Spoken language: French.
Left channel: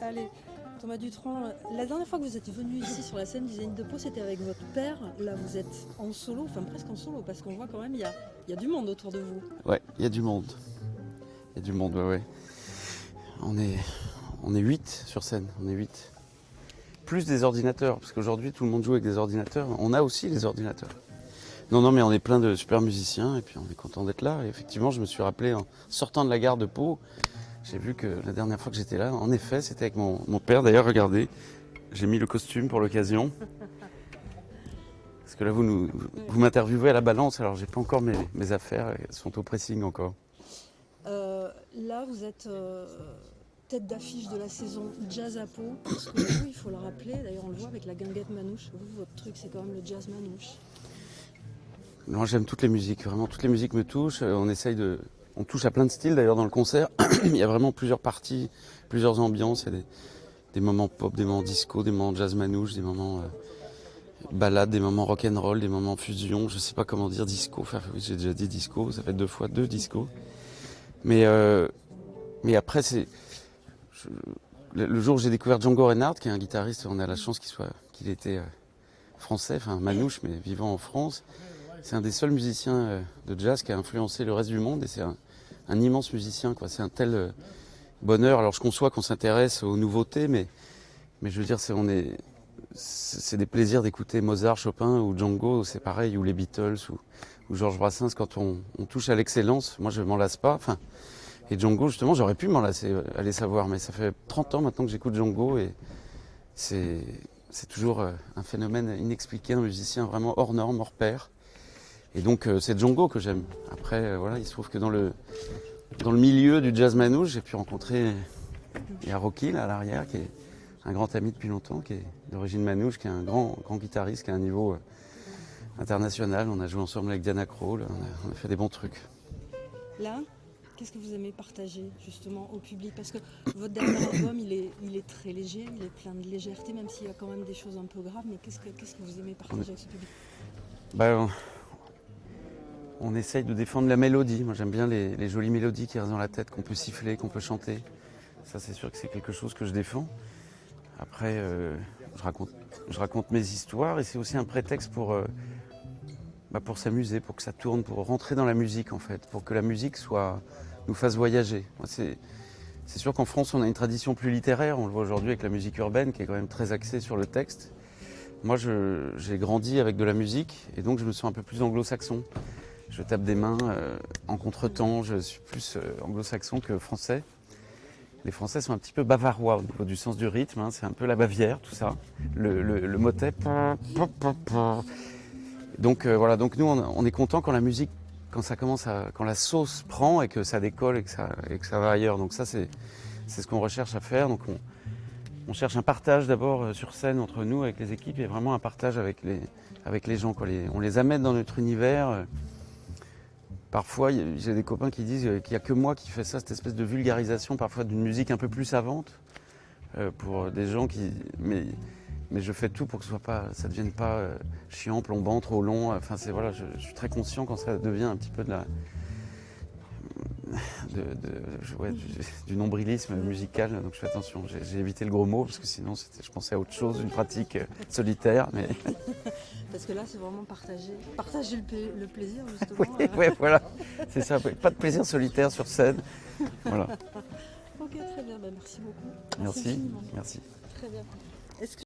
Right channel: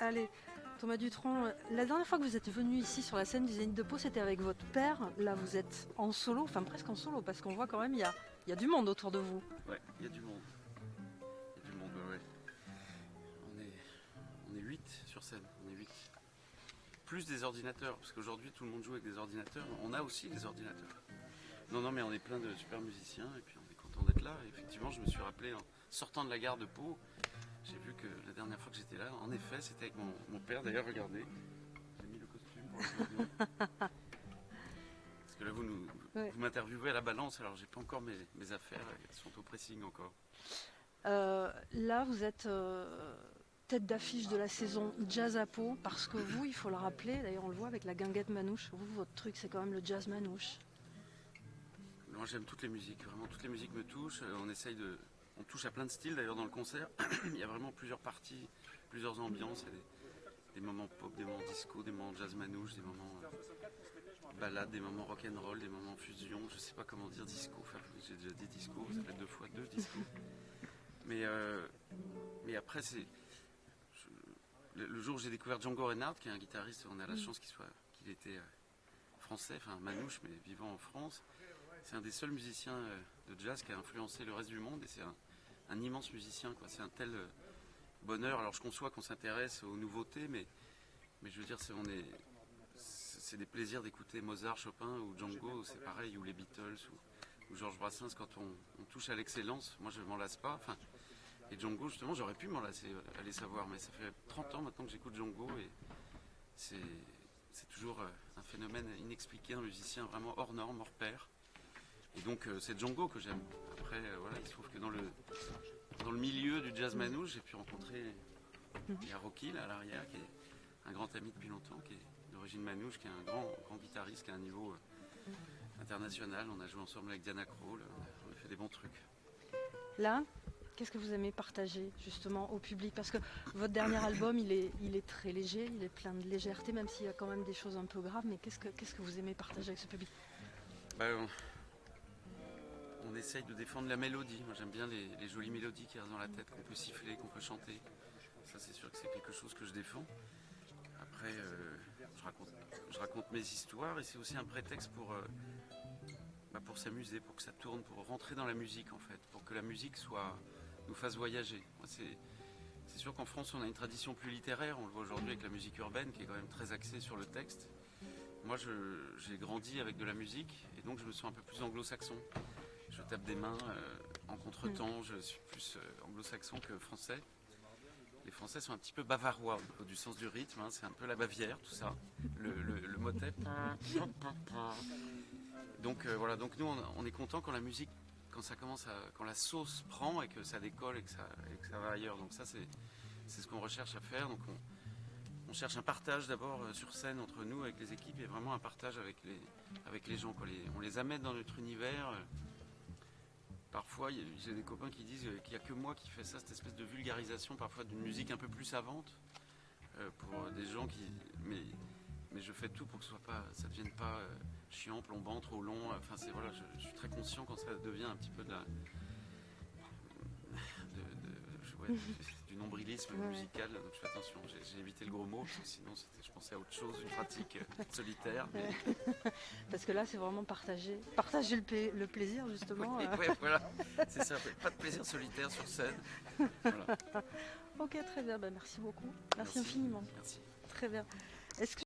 Allez, Thomas Dutronc, la dernière fois que vous êtes venu ici sur la scène du Zénith de Pau, c'était avec votre père. Là, vous êtes en solo, enfin presque en solo, parce qu'on voit quand même, il y a du monde autour de vous. Ouais, il y a du monde. Il y a du monde, ouais. On est 8 sur scène, on est 8. Plus des ordinateurs, parce qu'aujourd'hui tout le monde joue avec des ordinateurs. On a aussi des ordinateurs. Non, mais on est plein de super musiciens et puis on est content d'être là. Et effectivement, je me suis rappelé en sortant de la gare de Pau, j'ai vu que la dernière fois que j'étais là, en effet, c'était avec mon père. D'ailleurs, regardez, j'ai mis le costume pour l'occasion. Parce que là, vous m'interviewez à la balance, alors j'ai pas encore mes affaires, elles sont au pressing encore. Là, vous êtes tête d'affiche de la saison Jazz à Pau, parce que vous, il faut le rappeler, d'ailleurs on le voit avec la guinguette manouche, vous, votre truc c'est quand même le jazz manouche. Moi, j'aime toutes les musiques, vraiment, toutes les musiques me touchent. On touche à plein de styles d'ailleurs dans le concert. Il y a vraiment plusieurs parties, plusieurs ambiances. Il y a des moments pop, des moments disco, des moments jazz manouche, des moments ballade, des moments rock'n'roll, des moments fusion. Je sais pas comment dire disco. Enfin, oui, j'ai déjà dit disco, ça fait 2 fois 2 disco. Mais après, le jour où j'ai découvert Django Reinhardt, qui est un guitariste, on a la chance qu'il était français, enfin manouche, mais vivant en France. C'est un des seuls musiciens de jazz qui a influencé le reste du monde et c'est un immense musicien, quoi. C'est un tel bonheur. Alors je conçois qu'on s'intéresse aux nouveautés, mais je veux dire, c'est des plaisirs d'écouter Mozart, Chopin ou Django, c'est pareil, ou les Beatles ou Georges Brassens. Quand on touche à l'excellence, moi je m'en lasse pas. Enfin, et Django, justement, j'aurais pu m'en lasser, aller savoir, mais ça fait 30 ans maintenant que j'écoute Django et c'est toujours un phénomène inexpliqué, un musicien vraiment hors norme, hors pair. Et donc c'est Django que j'aime. Après, voilà, il se trouve que dans le milieu du jazz manouche, j'ai pu rencontrer Rocky là, à l'arrière, qui est un grand ami depuis longtemps, qui est d'origine manouche, qui est un grand guitariste, qui a un niveau international. On a joué ensemble avec Diana Krall, on a fait des bons trucs. Là, qu'est-ce que vous aimez partager justement au public? Parce que votre dernier album, il est très léger, il est plein de légèreté, même s'il y a quand même des choses un peu graves. Mais qu'est-ce que vous aimez partager avec ce public? On essaye de défendre la mélodie. Moi, j'aime bien les jolies mélodies qui restent dans la tête, qu'on peut siffler, qu'on peut chanter. Ça, c'est sûr que c'est quelque chose que je défends. Après, je raconte mes histoires et c'est aussi un prétexte pour s'amuser, pour que ça tourne, pour rentrer dans la musique, en fait, pour que la musique nous fasse voyager. Moi, c'est sûr qu'en France, on a une tradition plus littéraire. On le voit aujourd'hui avec la musique urbaine qui est quand même très axée sur le texte. Moi, j'ai grandi avec de la musique et donc je me sens un peu plus anglo-saxon. Je tape des mains en contretemps, je suis plus anglo-saxon que français. Les Français sont un petit peu bavarois au niveau du sens du rythme, hein, c'est un peu la Bavière, tout ça. Le motet. Donc voilà, donc nous on est content quand la musique, quand la sauce prend et que ça décolle et que ça va ailleurs. Donc ça c'est ce qu'on recherche à faire. Donc on cherche un partage d'abord sur scène entre nous avec les équipes et vraiment un partage avec les gens. On les amène dans notre univers. Parfois, j'ai des copains qui disent qu'il n'y a que moi qui fais ça, cette espèce de vulgarisation parfois d'une musique un peu plus savante pour des gens qui. Mais je fais tout pour que ça ne devienne pas chiant, plombant, trop long. Enfin, voilà, je suis très conscient quand ça devient un petit peu du nombrilisme musical, donc je fais attention. J'ai évité le gros mot parce que sinon je pensais à autre chose, une pratique solitaire. Mais... Parce que là, c'est vraiment partager le plaisir, justement. Oui, voilà, c'est ça. Pas de plaisir solitaire sur scène. Voilà. Ok, très bien. Merci beaucoup. Merci. Infiniment. Merci. Très bien. Est-ce que